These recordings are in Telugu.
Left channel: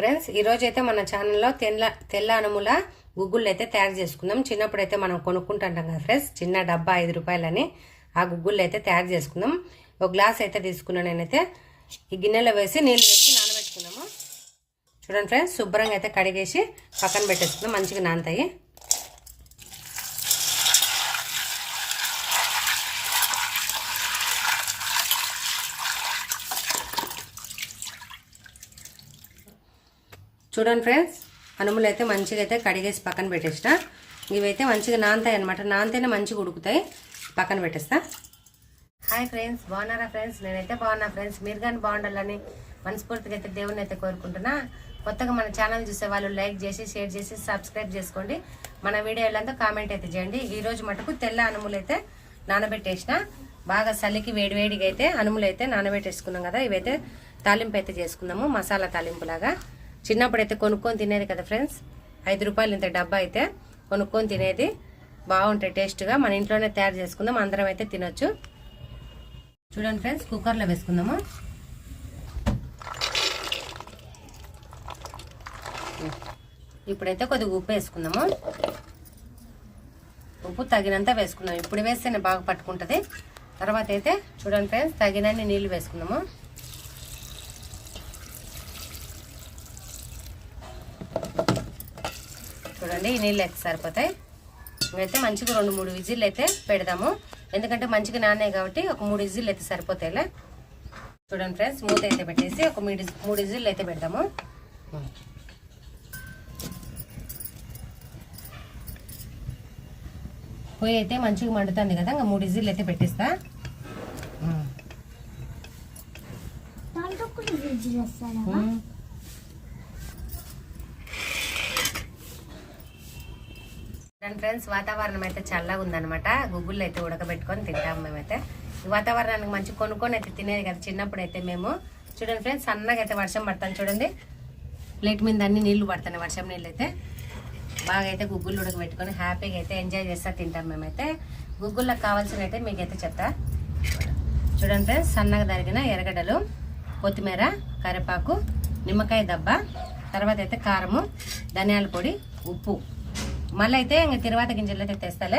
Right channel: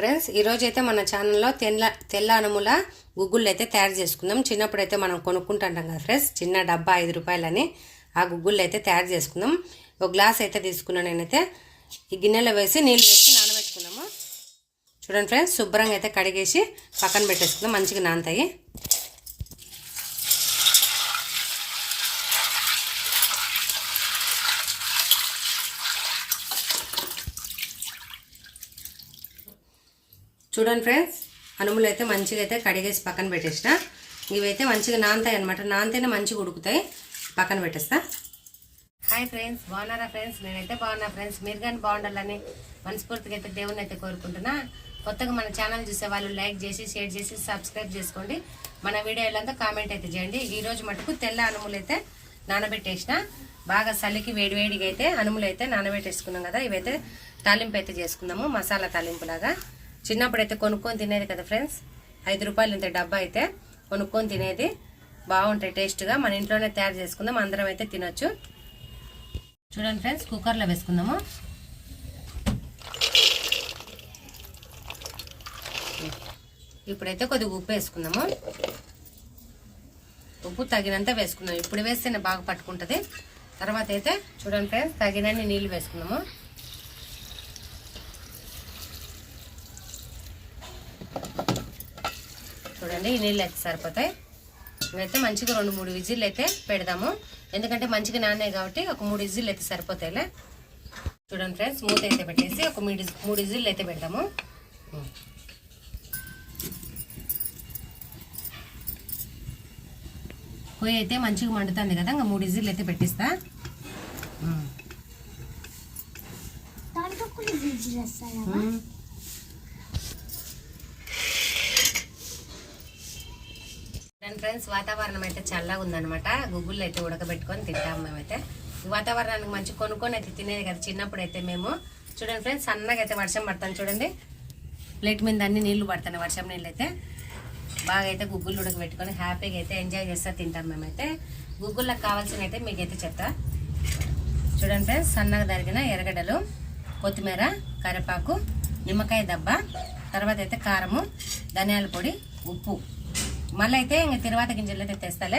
ఫ్రెండ్స్ ఈరోజు అయితే మన ఛానల్లో తెల్ల అనుముల గుగ్గుళ్ళు అయితే తయారు చేసుకుందాం. చిన్నప్పుడు అయితే మనం కొనుక్కుంటుంటాం కదా ఫ్రెండ్స్, చిన్న డబ్బా 5 రూపాయలని ఆ గుగ్గుళ్ళు అయితే తయారు చేసుకుందాం. ఒక గ్లాస్ అయితే తీసుకున్నాను నేనైతే. ఈ గిన్నెలో వేసి నీళ్ళు వేసి నానబెట్టుకున్నాము. చూడండి ఫ్రెండ్స్, శుభ్రంగా అయితే కడిగేసి పక్కన పెట్టేసుకుందాం, మంచిగా నానతాయి. చూడండి ఫ్రెండ్స్, అనుములు అయితే మంచిగా అయితే కడిగేసి పక్కన పెట్టేసిన. ఇవైతే మంచిగా నానతాయి అనమాట, నానితేనే మంచిగా ఉడుకుతాయి. పక్కన పెట్టేస్తా. హాయ్ ఫ్రెండ్స్, బాగున్నారా ఫ్రెండ్స్? నేనైతే బాగున్నా ఫ్రెండ్స్. మీరు కానీ బాగుండాలని మనస్ఫూర్తిగా అయితే దేవుని అయితే కోరుకుంటున్నా. కొత్తగా మన ఛానల్ చూసే వాళ్ళు లైక్ చేసి షేర్ చేసి సబ్స్క్రైబ్ చేసుకోండి. మన వీడియోలంతా కామెంట్ అయితే చేయండి. ఈరోజు మటుకు తెల్ల అనుములు అయితే నానబెట్టేసిన. బాగా చలికి వేడివేడిగా అయితే అనుములు అయితే నానబెట్టేసుకున్నాం కదా. ఇవైతే తాలింపు అయితే చేసుకుందాము, మసాలా తాలింపు లాగా. చిన్నప్పుడు అయితే కొనుక్కొని తినేది కదా ఫ్రెండ్స్, 5 రూపాయలు ఇంత డబ్బా అయితే కొనుక్కొని తినేది. బాగుంటాయి టేస్ట్గా. మన ఇంట్లోనే తయారు చేసుకుందాం, అందరం అయితే తినొచ్చు. చూడండి ఫ్రెండ్స్, కుక్కర్లో వేసుకుందాము. ఇప్పుడైతే కొద్దిగా ఉప్పు వేసుకుందాము. ఉప్పు తగినంత వేసుకుందాం. ఇప్పుడు వేస్తేనే బాగా పట్టుకుంటుంది. తర్వాత అయితే చూడండి ఫ్రెండ్స్, తగినన్ని నీళ్ళు వేసుకుందాము. చూడండి, ఈ నీళ్ళు అయితే సరిపోతాయి. ఇవైతే మంచిగా 2-3 విజిల్లు అయితే పెడదాము. ఎందుకంటే మంచిగా నానాయి కాబట్టి ఒక 3 విజిల్లు అయితే సరిపోతాయిలే. చూడండి ఫ్రెండ్స్, మూత అయితే పెట్టేసి ఒక 3 విజిల్లు అయితే పెడదాము. పొయ్యి అయితే మంచిగా మండుతుంది కదా, ఇంకా 3 విజిల్లు అయితే పెట్టిస్తా. ఫ్రెండ్స్, వాతావరణం అయితే చల్లగా ఉందనమాట. గుగ్గుళ్ళు అయితే ఉడకబెట్టుకొని తింటాము మేమైతే. ఈ వాతావరణానికి మంచి కొనుక్కొని అయితే తినేది కదా చిన్నప్పుడు అయితే మేము. చూడండి ఫ్రెండ్స్, సన్నగా అయితే వర్షం పడతాను. చూడండి, ప్లేట్ మీద అన్ని నీళ్లు పడతాయి, వర్షం నీళ్ళు అయితే. బాగా అయితే గుగ్గుళ్ళు ఉడకబెట్టుకొని హ్యాపీగా అయితే ఎంజాయ్ చేస్తా తింటాం మేమైతే. గుగ్గుళ్ళకి కావాల్సిన అయితే మీకైతే చెప్తా. చూడండి ఫ్రెండ్స్, సన్నగా తరిగిన ఎర్రగడ్డలు, కొత్తిమీర, కరివేపాకు, నిమ్మకాయ దబ్బ, తర్వాత అయితే కారము, ధనియాల పొడి, ఉప్పు. మళ్ళీ అయితే ఇంక తిరువాత గింజలు అయితే తెస్తాలే.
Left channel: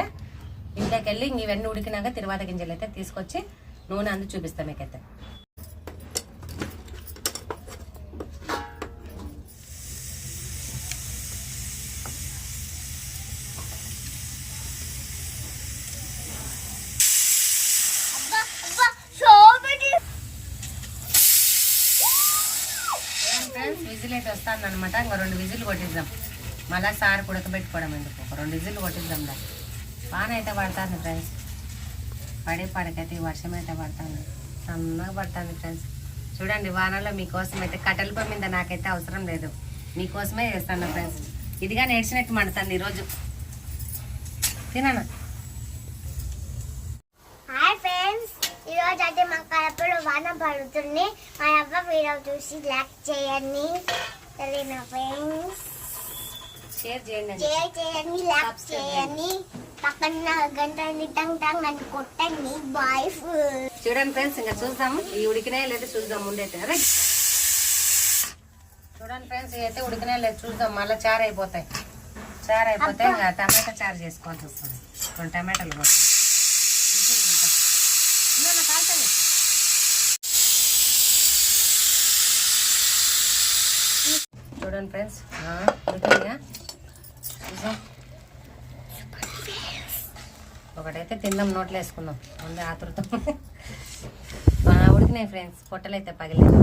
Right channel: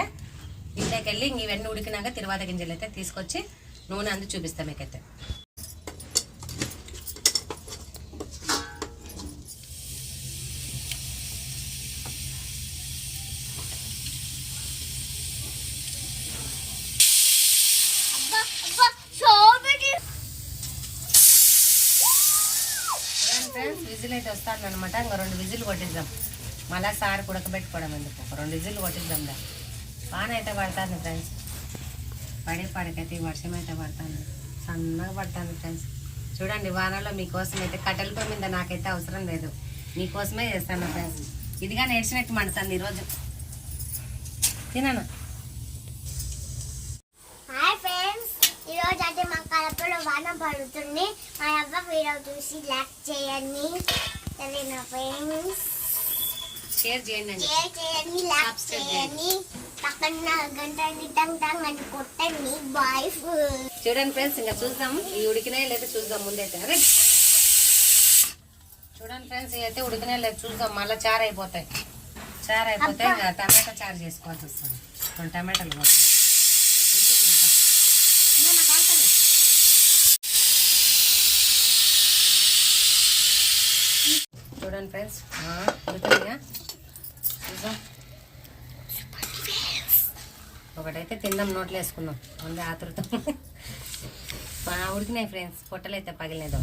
ఇంట్లోకి వెళ్ళి ఇంక ఇవన్నీ ఉడికినాక తిరువాత గింజలు అయితే తీసుకొచ్చి నూనె అందు చూపిస్తాం మీకైతే. విజిల్ అయితే వస్తాను అనమాట. ఇంకా 2 విజిల్ కొట్టిద్దాం. మళ్ళీ సార్ ఉడకబెట్టుకోవడం ఎందుకు, ఒక 2 విజిల్లు కొట్టిద్దాం. బాగానే అయితే పడుతుంది ఫ్రెండ్స్. పడకైతే ఈ వర్షం అయితే పడుతుంది, సన్నగా పడుతుంది ఫ్రెండ్స్. చూడండి, వానలో మీకోసం అయితే కట్టెల పొయ్యి మీద నాకైతే అవసరం లేదు, మీకోసమే చేస్తాను ఫ్రెండ్స్. ఇదిగా నేర్చినట్టు మండుతుంది ఈరోజు. తినాను. హాయ్ ఫ్రెండ్స్, ఈరోజు అయితే మా కడపలో వాన పడుతుంది. మా అబ్బా వీడియో చూసి లైక్ చేయండి, సరేనా ఫ్రెండ్స్? షేర్ చేయండి, లైక్ చేయండి, పక్కన గంటని టంగ్ టంగ్ అని కొట్టండి. బాయ్. చూడండి ఫ్రెండ్స్, ఇంకా చూద్దాం ఈ ఉడికినాయి లేదా చూద్దాం ముందైతే. అరే చూడండి ఫ్రెండ్స్, ఇవైతే ఉడికినాయి లేదు చూద్దాం. మళ్ళీ చారు అయిపోతాయి. చారు అయిపోతే ఇంకా టమాటా చారు చేసుకోవాల్సి వస్తుంది. 2 టమాటాలు కొట్టి చూడండి ఫ్రెండ్స్, ఉడికినాయా చూద్దాం. ఒకటైతే తిందాం, నోట్లో వేసుకుందాం, ముందే ఆతృత. ఉడికినాయి ఫ్రెండ్స్, పొట్టలు అయితే పగిలేదు.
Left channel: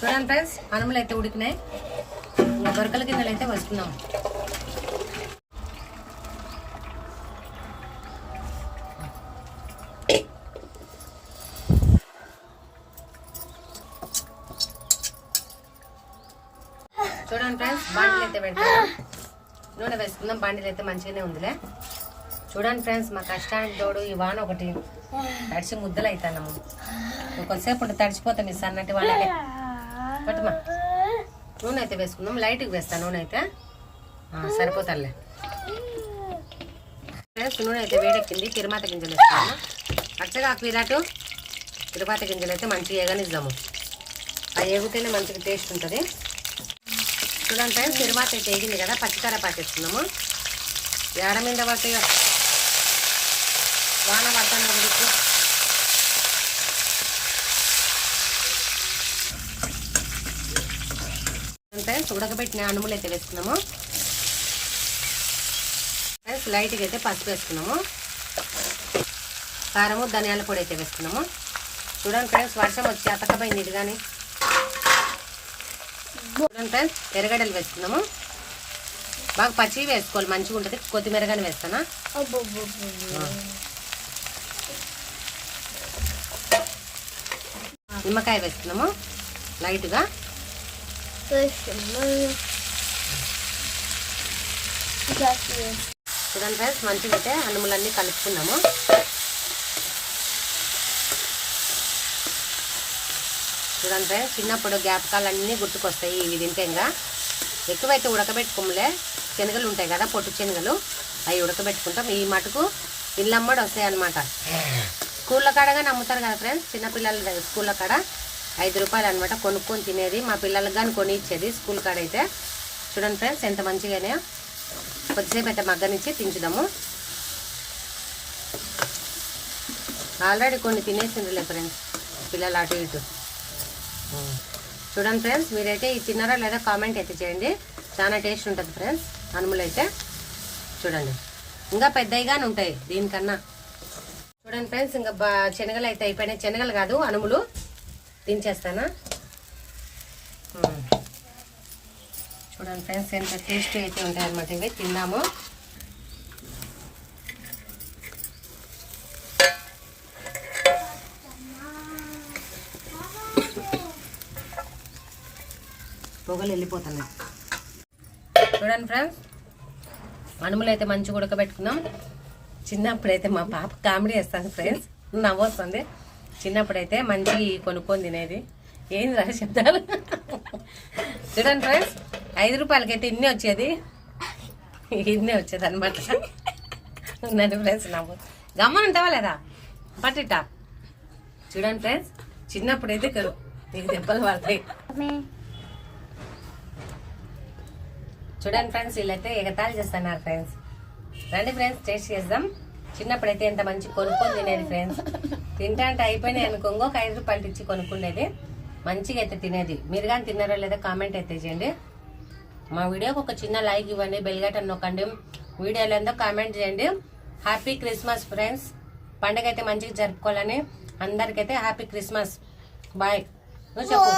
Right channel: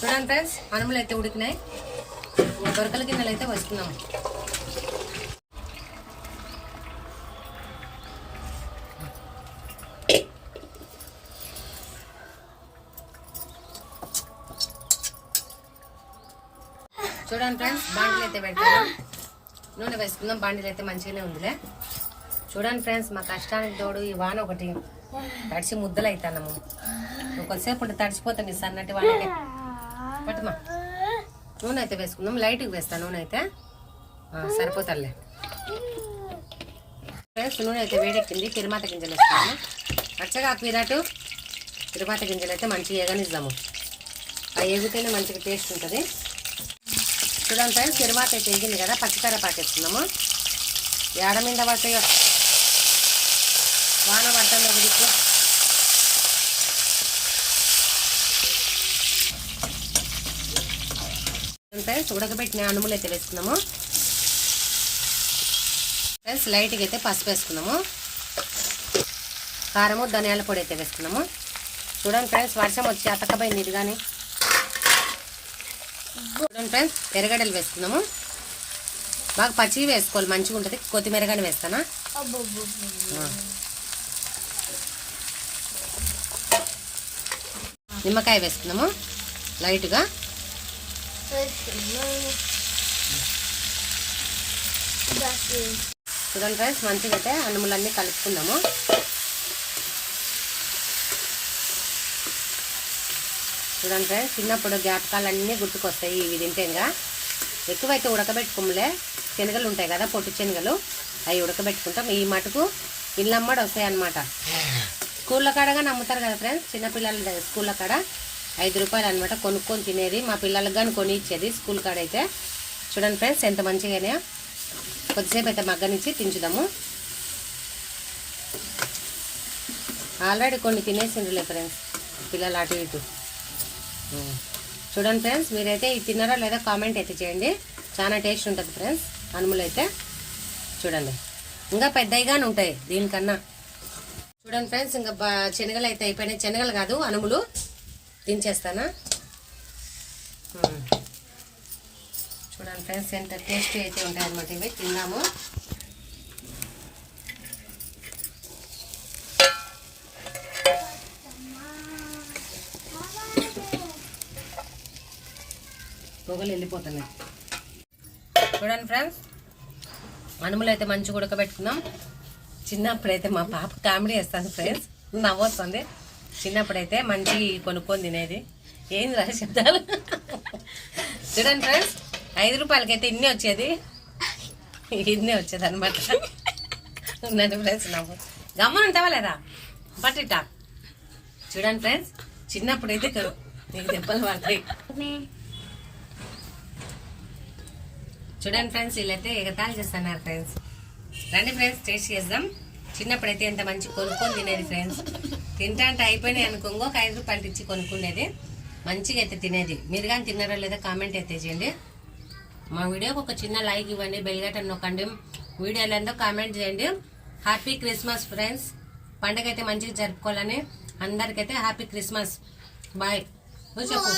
చూడండి ఫ్రెండ్స్, అనుములు అయితే ఉడికినాయి. బొరకల గిన్నెలు అయితే వస్తున్నాం. చూడండి ఫ్రెండ్స్, బాండిలు అయితే పెడతాను, నూనె వేసుకుందాం. బాండిలు అయితే మంచిగానే ఉందిలే. చూడండి ఫ్రెండ్స్, మా కష్టానికి తోడు ఈ వాన ఒకటి తడిచి ముద్దలు అవుతాము. కొద్దిసేపు ఉంటే తడిచిపోతాం ఈ సన్నటి వానకి. పట్టుమా, నూనె అయితే వేసుకుందాం. లైట్గా వేస్తాను నూనె అయితే, సరిపోతాలే ఫ్రెండ్స్. నూనె అయితే వేడెక్కింది. తిరువాత గింజలు వేసుకున్నాము. పచ్చగా విరాటు తిరువాత గింజలు అయితే మంచిగా ఏగనిద్దాము. అవి ఏగితేనే మంచిగా టేస్ట్ ఉంటుంది. చూడండి ఫ్రెండ్స్, తిరువాత అయితే ఏగింది కదా, పచ్చికార పాకేస్తున్నాము. ఏడ మీద పడతాయి వాన పడతాను గుడికి. ఫ్రెండ్స్ ఉడకబెట్టిన అనుములు అయితే వేసుకున్నాము. ఫ్రెండ్స్ లైట్గా అయితే పసుపు వేసుకున్నాము. కారము ధనియాల పొడి అయితే వేసుకున్నాము. చూడండి ఫ్రెండ్స్, వర్షం వచ్చి అతకపోయింది ఇది కానీ. చూడండి ఫ్రెండ్స్, ఎర్రగడ్డలు వేసుకున్నాము. బాగా పచ్చివి వేసుకోవాలి, మంచిగా ఉంటుంది. కొత్తిమీర కానీ వేస్తానా. నిమ్మకాయ వేసుకున్నాము లైట్గా. చూడండి ఫ్రెండ్స్, మంచిగా అయితే అన్నములన్నీ కలుపుకున్నాము. చూడండి ఫ్రెండ్స్, చిన్నప్పుడు జ్ఞాపకాలన్నీ గుర్తుకొస్తాయి ఇవి తింటేగా. ఎక్కువైతే ఉడకబెట్టుకోములే, శనగలు ఉంటాయి కదా, పొట్టు శనగలు, అవి ఉడకబెట్టుకుంటాం. ఈ మటుకు ఇళ్ళమ్మడి వస్తాయి అన్నమాట. స్కూళ్ళ కాడగా నమ్ముతారు కదా ఫ్రెండ్స్, చిన్నపిల్లల స్కూళ్ళ కాడ 5 రూపాయలు అనమాట కొనుక్కొని తినేది. మా పిల్లలకు కానీ కొని ఇచ్చేది స్కూల్ కాడ అయితే. చూడండి ఫ్రెండ్స్, ఎంత మంచిగానే. కొద్దిసేపు అయితే మగ్గనిచ్చి తించుదాము. ఆల్రెడీ కొన్ని తినేసిందిలే ఫ్రెండ్స్ పిల్లలు అటు ఇటు. చూడండి ఫ్రెండ్స్, మీరైతే ఇది తిన్నారా లేదా కామెంట్ అయితే చేయండి. చాలా టేస్ట్ ఉంటుంది ఫ్రెండ్స్ అనుములు అయితే. చూడండి, ఇంకా పెద్దవిగానే ఉంటాయి దీనికన్నా. చూడండి ఫ్రెండ్స్, ఇంకా శనగలు అయితే అయిపోయినాయి. శనగలు కాదు, అనుములు దించేస్తాను. చూడండి ఫ్రెండ్స్, ఎంత టేస్టీ అయితే ఉంటాయి అన్నమాట ఇవి. తిన్నాము. పొగలు వెళ్ళిపోతున్నాయి. చూడండి ఫ్రెండ్స్, అనుములు అయితే మంచిగా ఉడకబెట్టుకున్నాం. చిన్నప్పుడైతే మా పాప కామెడీ వేస్తాను ఫ్రెండ్స్, నవ్వొస్తుంది. చిన్నప్పుడైతే మంచి కొనుక్కొని తినేది. ఏంది రా శబ్దాలు. చూడండి ఫ్రెండ్స్, 5 రూపాయలకైతే ఇన్నే వచ్చేది అనమాట. ఉందండి ఫ్రెండ్స్, నవ్వు గమ్మని ఉంటావా లేదా పట్టిట. చూడండి ఫ్రెండ్స్, చిన్నప్పుడైతే నీకు దెబ్బలు పడతాయి. చూడండి ఫ్రెండ్స్, వీళ్ళైతే ఎగతాళి చేస్తున్నారు ఫ్రెండ్స్. రండి ఫ్రెండ్స్, టేస్ట్ చేద్దాం. చిన్నప్పుడైతే ఎంత మంచి కొనుక్కొని తినేది ఫ్రెండ్స్. తింటా అంటే అయిపోయినాయి అనుకోంగో, 5 రూపాయలు ఇచ్చి కొనుక్కునేది. మంచిగా అయితే తినేది. మీరు కానీ తిన్నారో లేదా కామెంట్ అయితే చేయండి. మా వీడియోకి ఒక చిన్న లైక్ ఇవ్వండి, బెల్ బటన్ నొక్కండి. వీడియోలో ఏందో కామెంట్ చేయండి. Happy Christmas friends. పండుగ అయితే మంచిగా జరుపుకోవాలని అందరికైతే హ్యాపీ క్రిస్మస్. బాయ్. నువ్వు చెప్పు.